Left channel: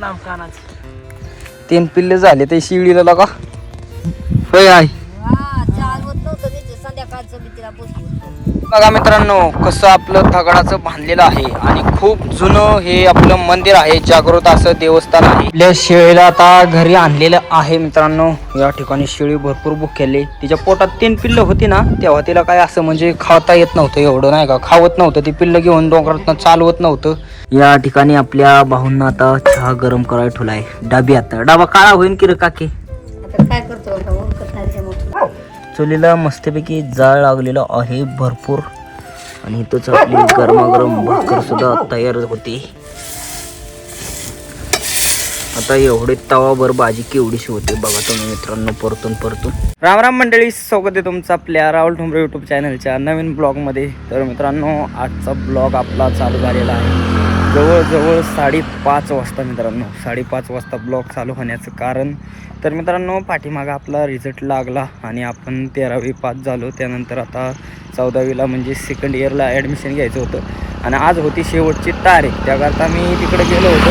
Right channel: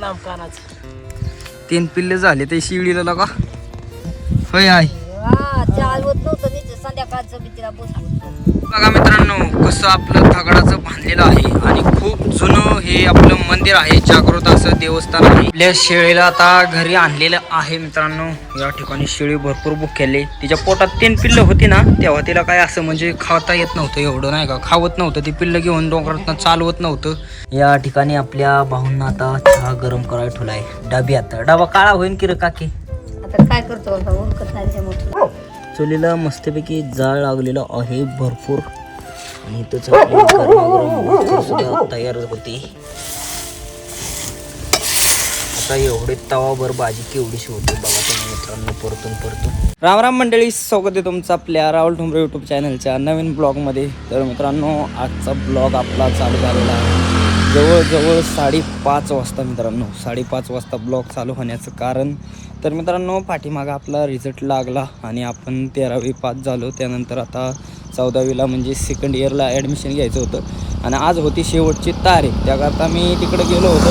लांब कानाचं 3 पिल्ले झाले ते शिळीला लगा होय आहे. संध्याकाळचं मी तिला बसवतो. बघा मित्रांनो कसं आपलं दगडाचं बांधलेलं आहे आणि खूप जुनं हे आपलं मंदिर आहे. जागृत असं देवस्थान आहे. आपल्या शेळीला आता घरी आणलेलं आहे मित्रांनो. या ठिकाणी शेळी भरपूर भुकेली. तिच्या पोटात 3 पिल्लं होती ना तेव्हा तिला काय असं म्हणजे खाता येत नव्हतं, एवढं नाही का खावत नव्हतं. ती पिल्लं घेऊन डोंगरात चालवत नव्हतं. या ठिकाणी आपल्या भाऊंना आता चहा गरम करायला ठेवलाय डब्यात. डबा काळा होईन की रे काकी? आता काय करतो ओळखत नाही त्याच्यामुळे. चुलीला मस्तपैकी जाळ लागलेला आहे भरपूर आणि इथंच आपली गरमागरम भाकर सुद्धा तयार होते. आता एवढे तवाभर भाजी केवढीशी होते बघा तुम्ही मित्रांनो. परतून राम राम मंडळी, स्वागत आहे तुमचं आपल्या राहुल ठोंबरे यूट्यूब चॅनलच्या नवीन ब्लॉगमध्ये. तर मित्रांनो आजचा ब्लॉग आपला चालू झालेला आहे जवळजवळ 5:30 वाजता. मित्रांनो 5:30 वाजता ब्लॉग चालू होण्याचं कारण तर मित्रांनो पाठीमागं आपला रिझल्ट लागला आणि आपण 13वी पास झालो. त्यानंतर आता 14वीला म्हणजे सेकंड इयरला ॲडमिशन घ्यायचं होतं आणि आज होती शेवटची तारीख. त्याकरता मी तिकडे गेलो होतो.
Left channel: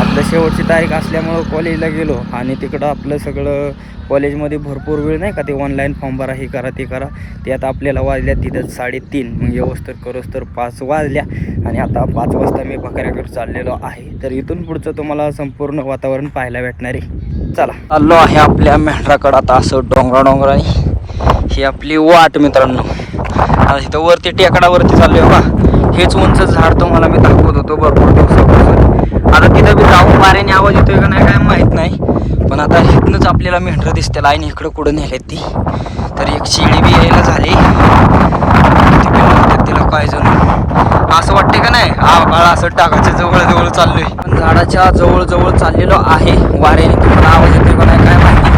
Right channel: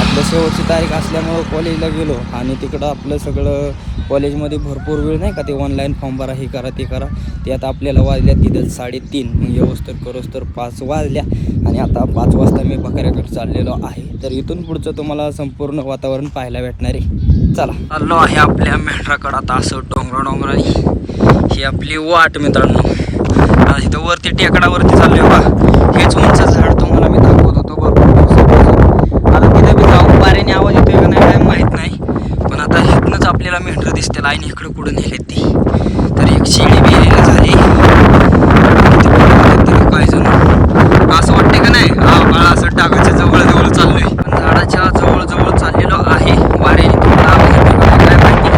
आपलं शेवटची तारीख असल्यामुळं कॉलेजला गेलो आणि तिकडं आपलं सगळं कॉलेजमध्ये भरपूर वेळ नाही का ते ऑनलाईन फॉर्म भरा, हे करा ते करा. ते आता आपल्याला वाजल्या तिथं 3:30 मग व्यवस्थित करोस तर 5 वाजल्या आणि आता 5 वाजता मी बकऱ्याकडे चाललेलो आहे. तर इथून पुढचं तुम्हाला संपूर्ण वातावरण पाहायला भेटणार आहे. चला चाललो आहे आपल्या मेंढराकडं आता असं डोंगराने. ही आपली वाट मित्रांनो. आता इथं वरती टेकडावरती चाललोय बघा. हेच उंच झाड तुम्हाला मी दाखवत होतो भरपूर दिवसापासून. आता तिथं बी जाऊन वाऱ्याने आवाज येतोय का नाही काय माहीत नाही, पण आता इथनंच आपल्याला मेंढरं दिसते लाईन इकडं कुठं नेले ती. तर एक शेळी बी यायला झाली तिला पाहिजे असं वाटते का नाही. बाळा असं डागाच्या जवळ चाललोय, पण झाडाच्या जवळ चाललेलो आहे. वाऱ्याने तुम्हाला आवाज येतोय का नाही काय माहिती.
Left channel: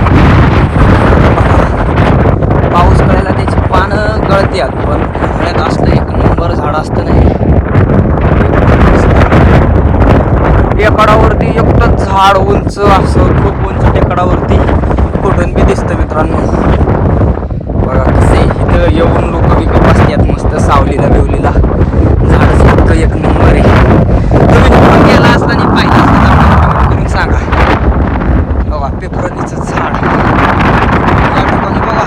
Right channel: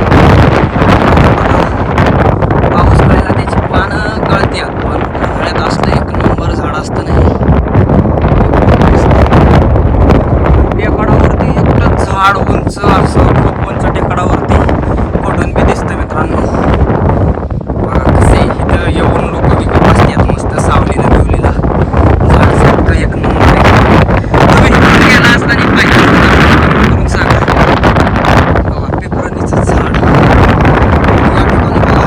पाऊस पडायला त्याची पानं गळत्यात, पण उन्हाळ्यात असलं एक नंबर झाड असतं नाही. टेकडावरती एकटं झाड उंच असं खूप उंच टेकडावरती कुठून बी दिसतं मित्रांनो. बघा कसे इथं येऊन लोक इकडे बसतात मस्त सावलीला बिवलीला. झाड फक्त एक नंबर आहे. तुम्ही इकडून गेला असताना पाहिजे तुम्ही सांगा. बघा पेपरांनीचं झाड या ठिकाणी बघा.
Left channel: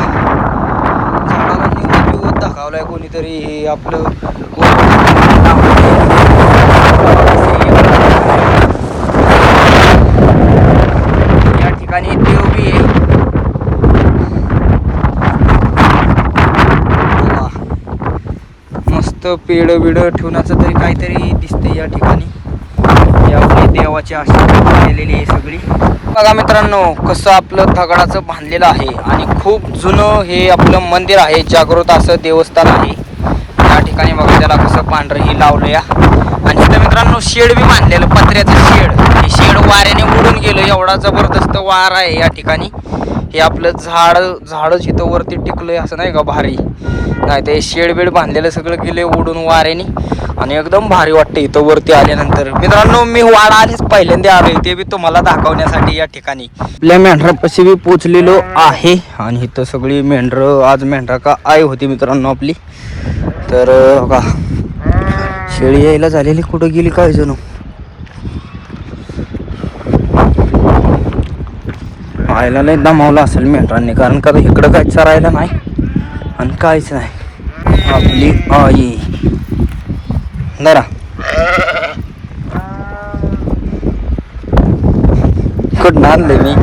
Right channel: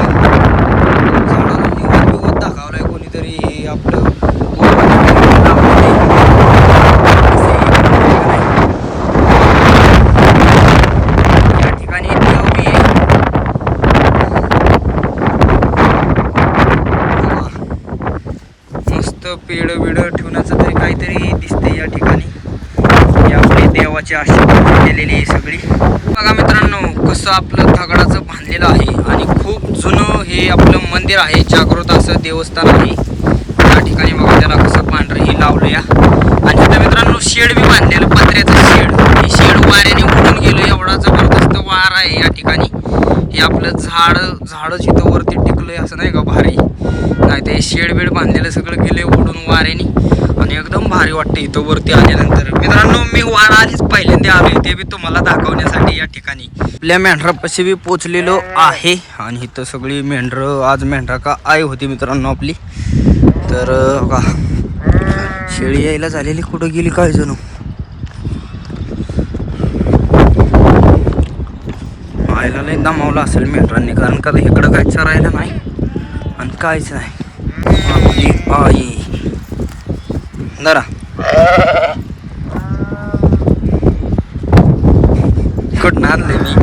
झाडाला निवड दाखवलाय कोणीतरी आपलं पेड बिड ठेवण्याचं तरी काहीतरी दिसते या ठिकाणी. ही आपली देवाची आशीर्वाद केलेली आहे सगळी. बघा मित्रांनो कसं आपलं दगडाचं बांधलेलं आहे आणि खूप जुनं हे आपलं मंदिर आहे. जागृत असं देवस्थान आहे या ठिकाणी. बघा त्याला कसं पांढरं ही लावलं या. आणि इथं मित्रांनो शेड बी बांधलेलं पत्र्याचं शेड. हे शेड वाऱ्याने उडून गेलं, एवढा जबरदस्त वार आहे या ठिकाणी. हे आपलं झाडच इथं वरती टिकलंय असं नाही का भारी. नाही ते शेड बेड बांधलेलं सगळं गेले उडून वाऱ्याने आणि एकदम भारी वाटतं इथं वरती आल्यानंतर. मित्रांनो मी वाडा आलीच पहिल्यांदा आलोय, ते बी तुम्हाला दाखवण्यासाठी या ठिकाणी. आपल्या मेंढरापाशी बी पोचलेलो आहे आणि इथं सगळी मेंढरं आज मेंढरा का आई होती मित्रांनो आपली. तर बघा शेळी यायला झालेली, कुठं गेली काय जणू. आयला लय दमावला असेल मेंढरांनी, कारण का इकडं काय चरायला नाही आणि काहीच नाही. आपली आई जरा कुठं आणलंय मी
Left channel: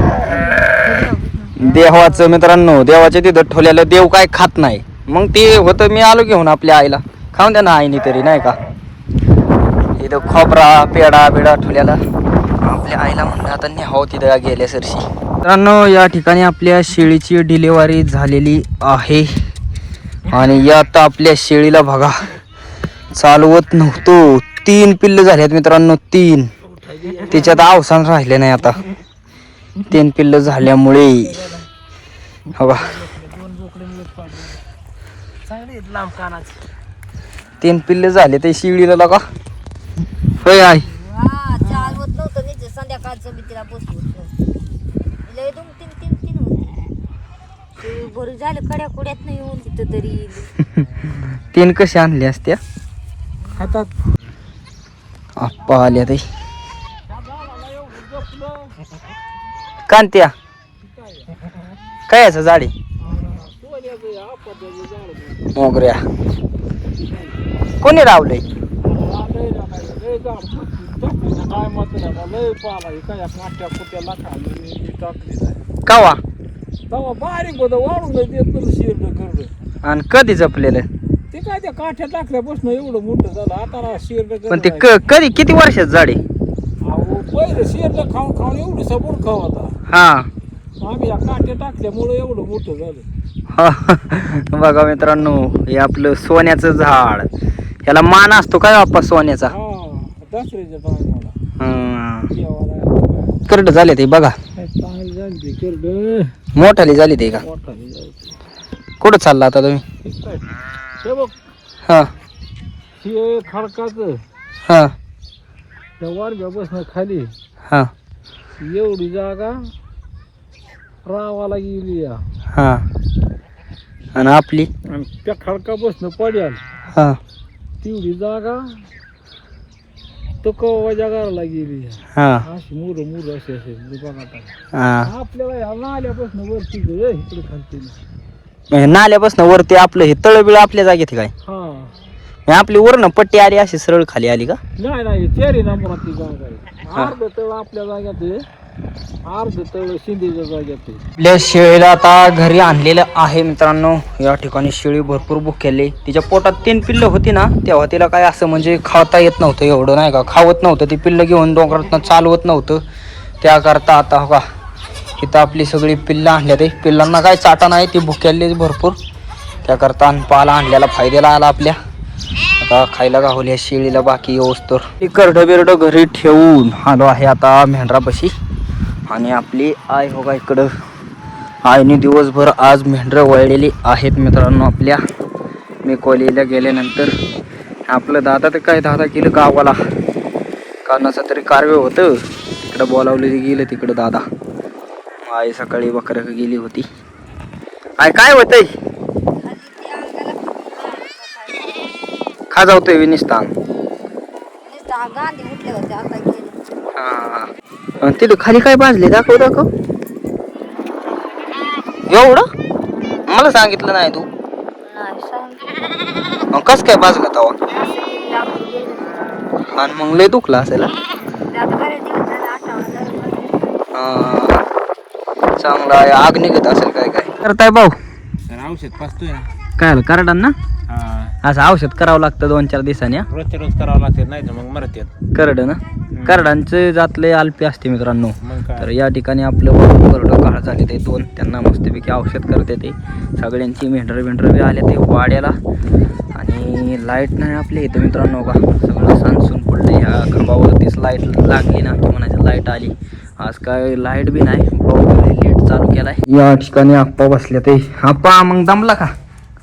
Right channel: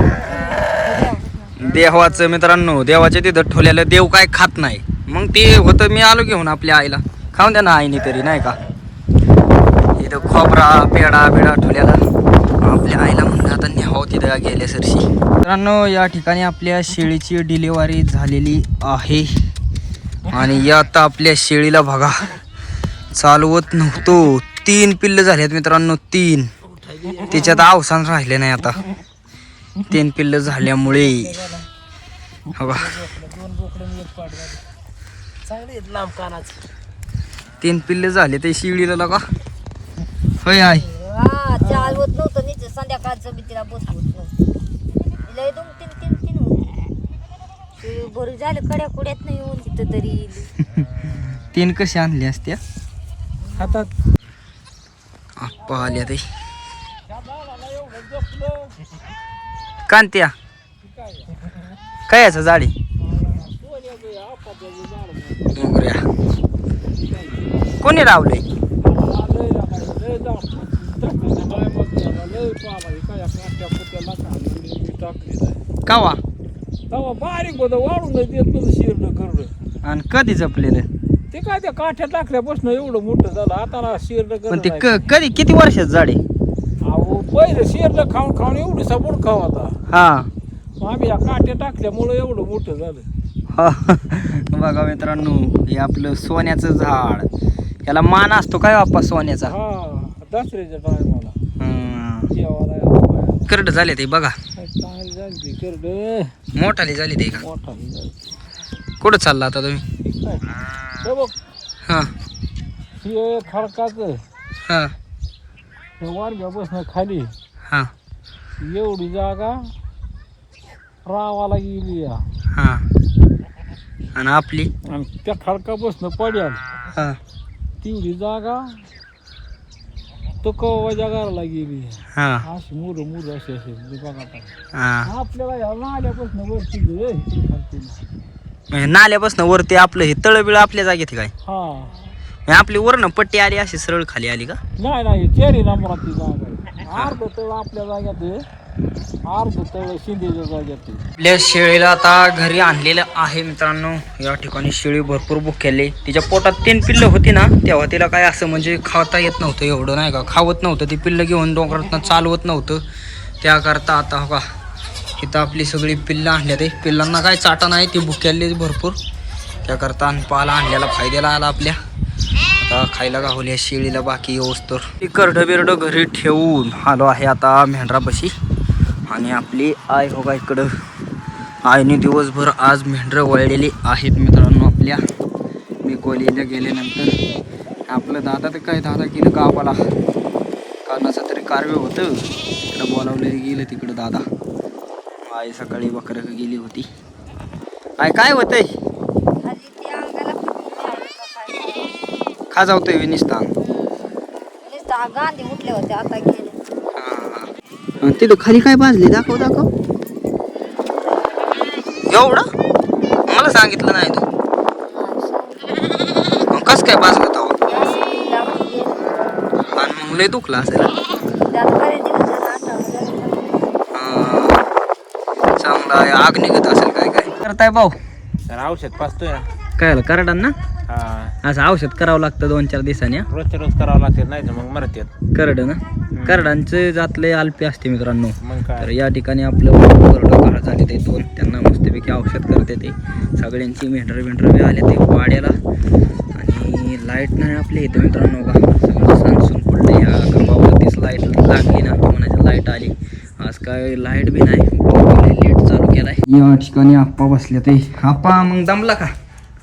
देवाचं मित्रांनो. देवाच्या तिथं ठेवलेलं देव काय खात नाही, मग ते होतं मी आलो घेऊन आपल्या आईला. खाऊन द्या ना आईने तरी नाही का. तिथं खोबरा पेडा बिडा ठेवलेला आपल्या आईला म्हणलं आता न्यावं तिथं गेल्या सरशी. मित्रांनो या ठिकाणी आपल्या शेळीची डिलिव्हरी झालेली आहे आणि आता आपल्या शेळीला बघा चालवत नव्हतो. 3 पिल्लं झाल्यात मित्रांनो, 3. त्याच्यात अवसान राहिले नाही आता. 3 पिल्लं झाल्यामुळे बघा लांब कानाचं 3 पिल्लं झाले ते शेळीला लगा होय आहे. चालवत नव्हतं मी संध्याकाळचं मी तिला बसवत लय 2-3 होते. बरं झालं कड्या कुड्यात नाही येऊन तिथं तरी. 3 कशा आणल्या असत्या हातात. आप्पा आल्या ते कांत्या काय याचं झाड आहे मोगऱ्या कोणी लावलंय कवा बारीक होतं वाढून देत शिरलं करलं आणि कधी जपलेलं ते काय त्या काठ्या टाकल्यापासून एवढं मोठं झालं आता शिरलं पण ते कधी किती वर्षात झाड आहे अहो पहिलं शिरलं खाऊन खाऊन एवढी सबूड खाऊ आता हा आम्ही या काठ्या टाकल्यामुळं एवढं मोठं झालं बघा मित्रांनो हे आपलं सोन्याचं झाड याला मान असतो काय बाप्पा सोन्याचा हा दसऱ्याच्या टायमाला हा. करड झाले ते बघा मोठाली झाली ते का कुठं चालला आता तुम्ही हा हे खडकाचं हा त्या वारग्या बसणं खाली हा एवढी जागा रावाला गेली हा आणि आपली आणि त्या खडका बसणं पडेल हा तेवढी जागा तो कवाच्या घराला गेली हा अशी मुर मुर अशी असेल दुकानात हा आपल्याला ह्या नाल्यापासून वरती इकडे खालती म्हणजे नाल्यापासून वरती आपलं हे तळबिळ आपल्या जागेत काय हा म्हणजे आपली वरनं पट्टी आली अशी सरळ खाली आली का नाही चारी नंबरातली जागा आहे अर्ध तळ आपल्या जाग्यात आहे अर्ध तळ शिंदेच्या जाग्यात आहे आपल्या शेळीला आता घरी आणलेलं आहे मित्रांनो या ठिकाणी शेळी भरपूर भुकेली तिच्या पोटात 3 पिल्लं होती ना तेव्हा तिला काय असं म्हणजे खाता येत नव्हतं एवढं नाही का खावत नव्हतं ती पिल्लं घेऊन डोंगरातनं चालवत नव्हतं त्याकरता आता हो का इथं आपली सगळी पिल्लं आणल्या ते पिल्लांना काय चाटा नाही ती भुकेली भरपूर त्याकरता पाला आणलेला फायद्याला आला आपल्या आता खायला गावली या शेळीला बाकी येऊस्तोर करडं बिरडं घरी ठेवून आलो आहे आता मेंढरापाशी आणि आपली आई हो का इकडं आईने दिवसभर आज मेंढरं वळलेली आहेत मित्रांनो आपल्या मी कॉलेजला गेल्यानंतर आपलं दादा तर काय दादा गेलं गावाला कारणाचं तरी कार्य होतं तिकडं बोलावलेली गेलं तिकडं दादा आई सकाळी बकरं गेली होती आई काय होतंय खाजावतोय विनिस्तान गांधी उठले होते आता गेले हा तिथं खाली काय भाजले दाखव दाखव एवढं मला सांगितलं नाही तू मग कस काय भाजलं तवा आणि मग लय दुखला असेल चांगला आहे आग निघत असेल काय काय करताय भाऊ औषध पाचतोय काय करडान ना हा असं औषध करावं लागतं 2-4 दिवसांनी रोजच्या रोज करावं लागते नाही तर मग मरतात करड ना करडांचे जातले अल्पी असते मित्रांनो मग काय तर या ठिकाणी आपलं करडं काळ झाले ते 2 त्यांना मस्तपैकी औषध करते ते सगळ्यांची मेंढर बी आले ते वाड्याला आणि लाईट नाही आपल्या इथं मित्रांनो का सगळं सांसून पडलं ह्या गरबावरतीच लाईट लागली ना की म्हणायचं लाईट आली आज काय लाईट बी नाही लेट चालू केलाय या ठिकाणी आप्पा बसले ते आप्पा मग दमला का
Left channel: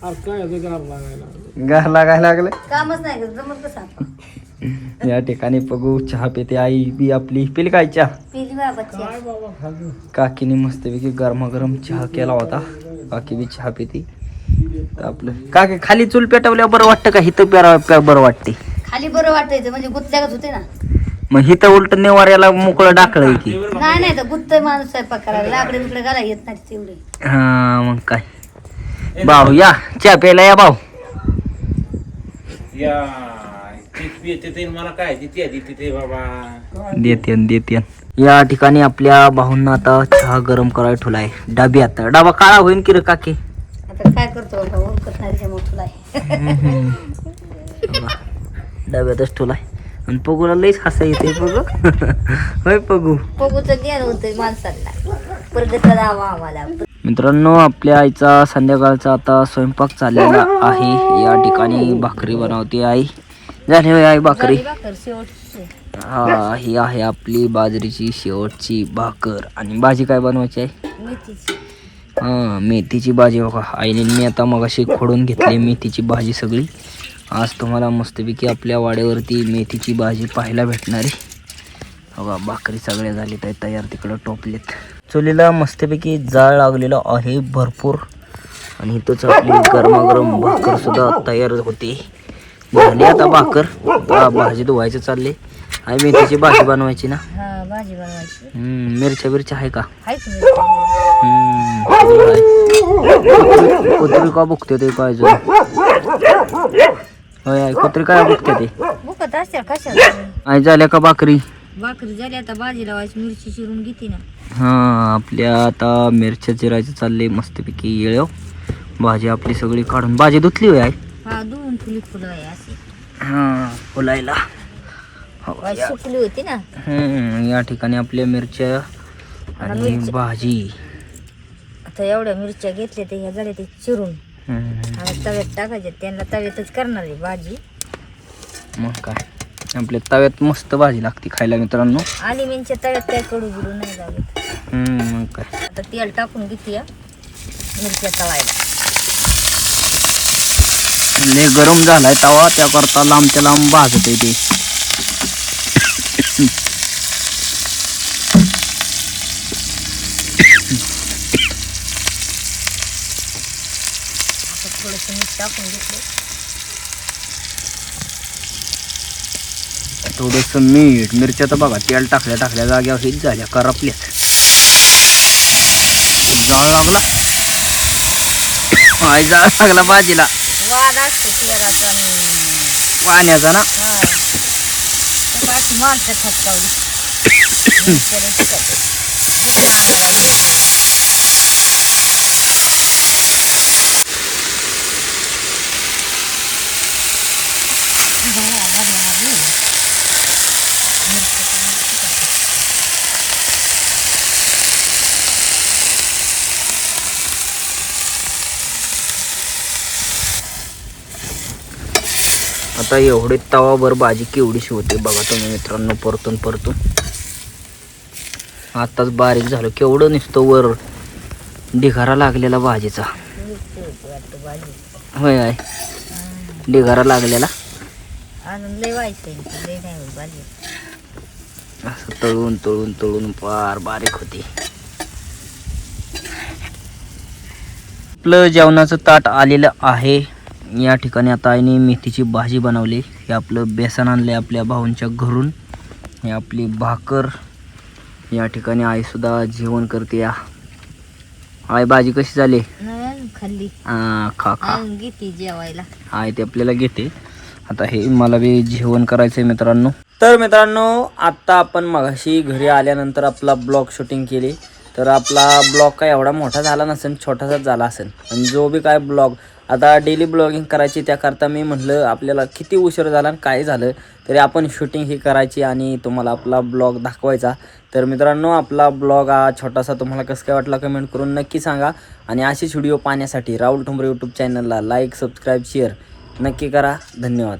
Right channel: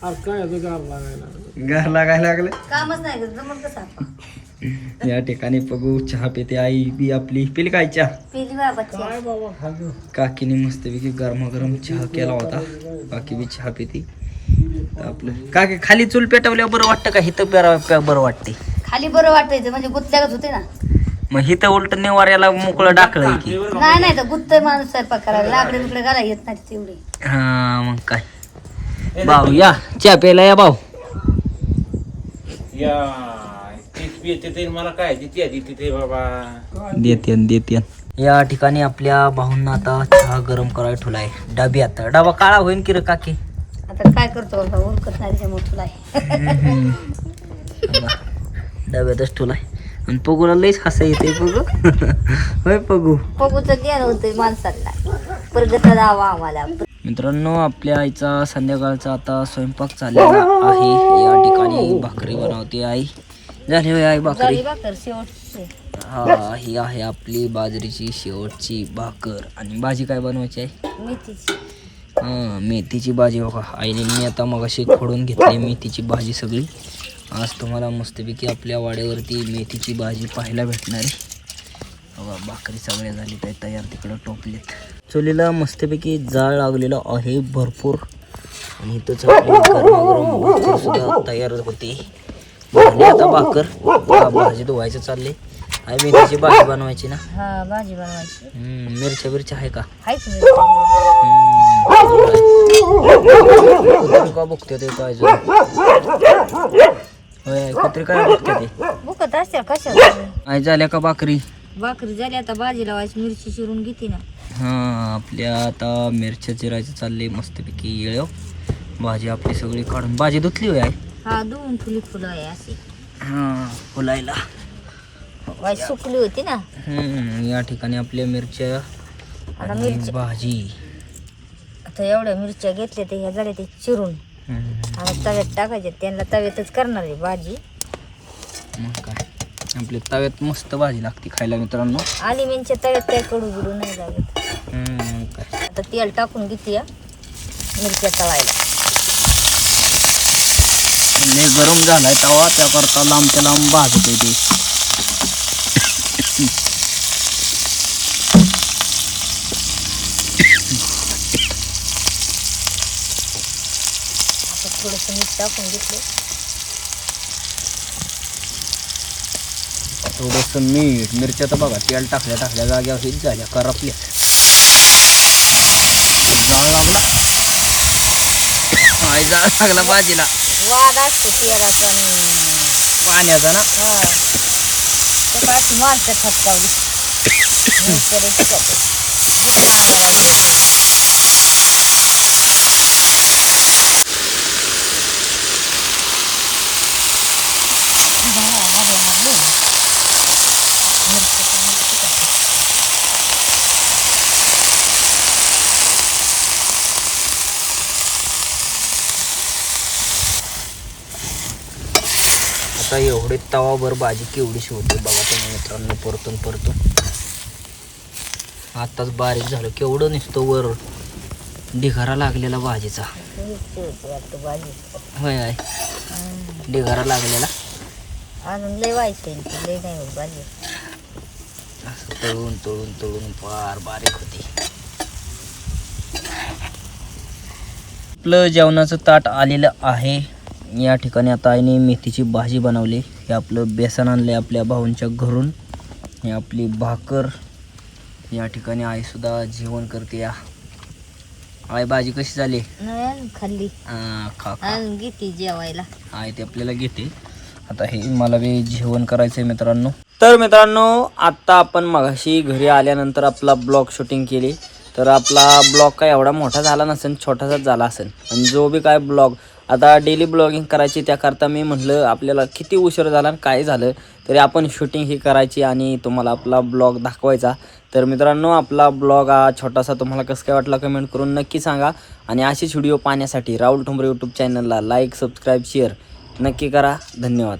काय गार लागायला गार लागायला लागलं कामच नाही जमत कसं आपण या ठिकाणी बघू चहा पिते आई बी आपली पिली काय चहा पिली बाबाची काकीने मस्तपैकी गरमागरम चहा केला होता काकी बी चहा पिते तर आपलं काकी खाली चूल पेटवल्यावर बरं वाटतं का हिथं बरं वाटते खाली बरं वाटायचं म्हणजे गुतल्यागत होते ना मग हिथं उलट नेवाऱ्याला मोकळं डाकळं की नाही तर गुत्त माणूस स्वयंपाक करायला लाकडे बिकडे घाला येत नाही तेवढे हा मग काय भाऊ या चहा प्यायला या भाऊ मला काय तिथे बाबा देते या ठिकाणी आपल्या भाऊंना आता चहा गरम करायला ठेवलाय डब्यात डबा काळा होईन की रे काकी आता काय करतो बाबा ओळखत नाही त्याच्या मोठला डब्यातच ठेवलाय आणि पगूला लईच हसा येते पगू होय पगू पगूचं ज्ञान होतंय माणसाला प्रगत राहावा आम्हाला मित्रांनो आपल्या आईचा संध्याकाळचा आता स्वयंपाक चाललेला आहे या ठिकाणी भाकरी बनवते आई झाली होय आई भाकरी हा ही आहे आपली बाजरीची शेवटची भाकर आणि भाजी काय बनवायची आहे मेथीची हा मेथीची भाजी बघा आईने मी आता मगाशी खोडून घेतली मेथीची भाजी सगळी आज तुम्हाला मस्तपैकी आपल्या वाड्यावरती मेथीची भाजी पाहायला भेटणार आहे बघा भाकरी सगळ्या झाली तर तयार तिकडं टोपलेत चुलीला मस्तपैकी जाळ लागलेला आहे भरपूर आणि इथंच आपली गरमागरम भाकर सुद्धा तयार होते झाली आता भाकर भाजी धुवायचं चालले आई मेथीची भाजी बनवायची ना. हा भाजी बनवायची. मिरच्या बिरच्या आहे का? हाय तुम्ही कुत्री का बुकते ते काय जण? होय आई, कुत्री काय बुकते ते? बुकत असत्या कशाला. आई झाल्या का भाकरी? भाकरी झाली आता भाजी लावायची. मिरची चिरून घेते ना. हा आपल्या आता मिरच्या चिरायचं चाललंय मस्तपैकी येळ. भाजी आपली सगळी काढून भाजी धुतली होय आई? हा धुवून ठेवली फुलं आहे अशी. हा फुलायला. वाई सुकली होती ना. या ठिकाणी आपल्या मिरच्या आणि मिरच्या. भाजी. आता एवढ्या मिरच्या घेतल्या ते ह्या झाल्या ते चिरून आणि तव्यात टाकायचे. त्यांना तव्यातच करणार आहे भाजी. मग काय आपल्या तव्यात मस्त भाजी लागते खायला मित्रांनो. आली मिरच्या तव्यात काय कडू बिडू नाही लागत. मग काय आता तेल टाकून घेते या मिरच्या तळायला. लय गरम झालाय तवा त्याकरता लांबच्या लांब भाजत आहे ते. थोडस मीठ टाकून घेतलं. थोडस मीठ. मिरच्या तर बघा तेल टाकल्या जाग्यावर हेच झाल्या करपल्या. जाळ लागला आई, जाळ लागला भाजीला. वाद असतो तेलाचा आणि पाण्याचा ना. सकाळची माणसं खटकावली. आता एवढे तवाभर भाजी केवढीशी होते बघा तुम्ही मित्रांनो. परतून आताच बारीक झालं. केवढं नुसतं वर ढिगारा लागलेला भाजीचा. होय आहे ढिगारा लागलेला. अजून लय व्हायचंय. लय नाही होत भाजी. असं तळून फार बारीक होती. आपलं जेवणाचं ताट आलेलं आहे. या ठिकाणी आता आईने मेथीची भाजी बनवली. हे आपलं बेसन आणलंय आपल्या भाऊंच्या घरून. हे आपली भाकर. या ठिकाणी आई सुद्धा जेवण करते. या आई भाजी कशी झाली? नाही खाल्ली. खा अजून घेते जेवायला. आई ते आपल्याला घेते. आता हे मला बी जेवण करायचंय मित्रांनो. तर मित्रांनो आता आपण मगाशी घरी आल्यानंतर आपला ब्लॉग शूटिंग केली. तर आपला ब्लॉग काय एवढा मोठा झाला नसेल, छोटासाच झाला असेल. आणि जो बी काय ब्लॉग आता डेली ब्लॉगिंग करायची त्याकरता मी म्हटलं आपल्याला किती उशीर झाला आणि काय झालं तरी आपण शूटिंग ही करायची आणि तुम्हाला आपला ब्लॉग दाखवायचा. तर मित्रांनो आपला ब्लॉग हा छोटासा तुम्हाला कसं काय वाटला कमेंट करून नक्की सांगा. आणि अशीच व्हिडिओ पाहण्यासाठी राहुल ठोंबरे यूट्यूब चॅनलला लाईक सबस्क्राईब शेअर नक्की करा. धन्यवाद.